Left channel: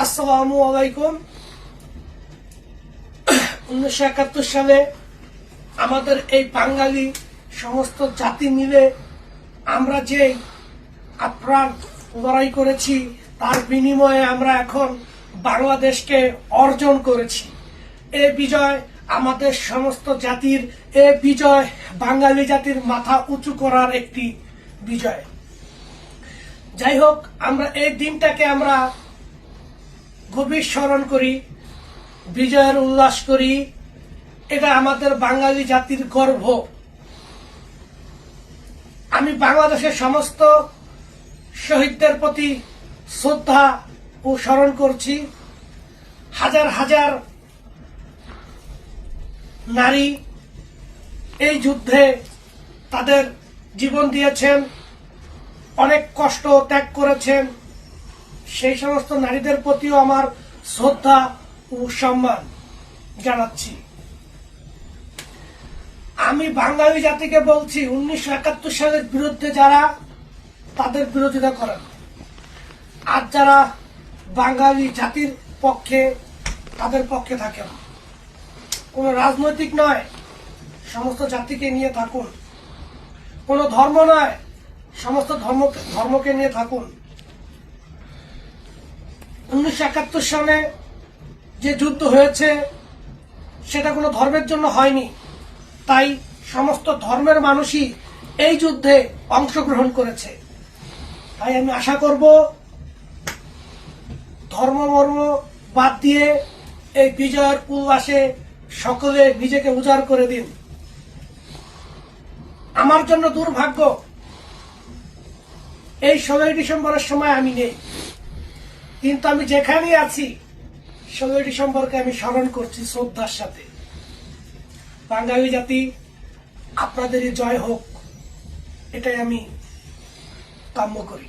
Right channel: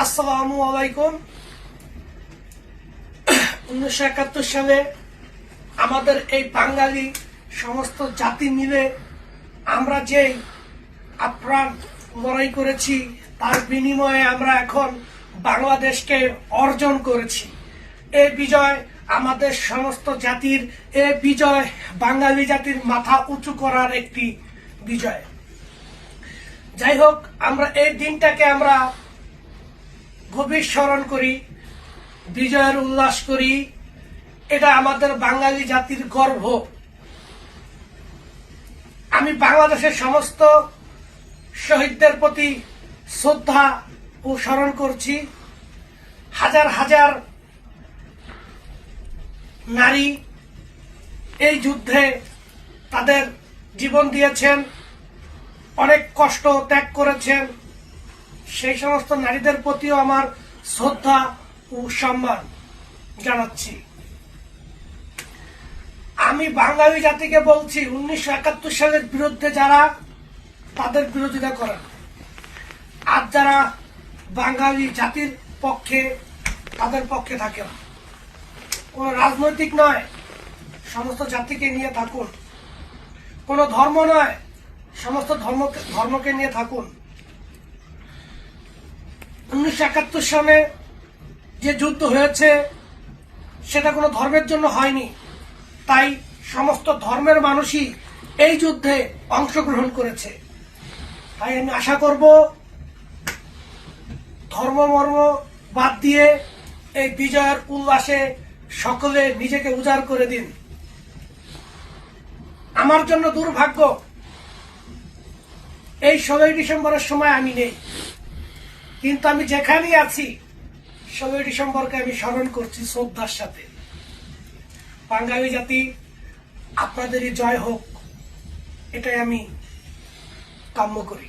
আসসালামু আলাইকুম। 1971 সালে আমাদের এই বাঙালি সমস্ত জাতি মিলে আমরা যে আপ্রাণ লড়াই করেছি, তার বিনিময়ে আমরা এখন বাংলাদেশকে অর্জন করেছি। এই বিজয় আমাদের সমস্ত জাতির, এই বিজয় বাঙালি জাতির মাথা উঁচু করার একটি বিজয়। যাই হোক, আমরা এই দিনটাকে আমরা গভীর স্মরণ করি, বিজয়ের উল্লাস করি। এটা আমাদের বাঙালি জাতির গর্ব। আমি বাংলাদেশের সমস্ত শহীদদের প্রতি শ্রদ্ধা ও স্মরণ করছি। হাজার হাজার নারী এই যুদ্ধে তাদের জীবন দিয়েছেন, অনেক কষ্ট ত্যাগ করেছেন। সেই সমস্ত নারীদের প্রতিও আমার শ্রদ্ধা ও সম্মান জানাচ্ছি। আমি বাঙালি জাতিকে বলছি, 1971 সালের বিরুদ্ধে যারা, তাদের বিরোধিতা করেন, আর যারা বাঙালি জাতির পক্ষে, তাদের পক্ষে থাকেন। কোন রাজনৈতিক নয়, সমস্ত জাতিকে নিয়ে থাকুন। কোন ধর্ম নয়, সমস্ত ধর্মকে নিয়ে থাকুন। 1971 সালে যে যুদ্ধ হয়েছে সেটা কোনো ধর্মের জন্য হয়নি, তাই সমস্ত ধর্মের মানুষই এই যুদ্ধে অংশগ্রহণ করেছে। তাই আমি আশা করব ধর্ম মর্ম বাদ দিয়ে এই বিজয়ের উল্লাসে সকলে নিজেকে উজাড় করে দিন। আমার জন্য দুর্ভাগ্য, এই 16 ডিসেম্বরের সময় আমি নেই, কিন্তু আমি যেখানেই আছি 16 ডিসেম্বরকে আমি স্মরণ করছি শ্রদ্ধার সাথে। বাঙালি জাতি, আপনাদেরই জয় হোক, এটাই আমি কাম্য করি।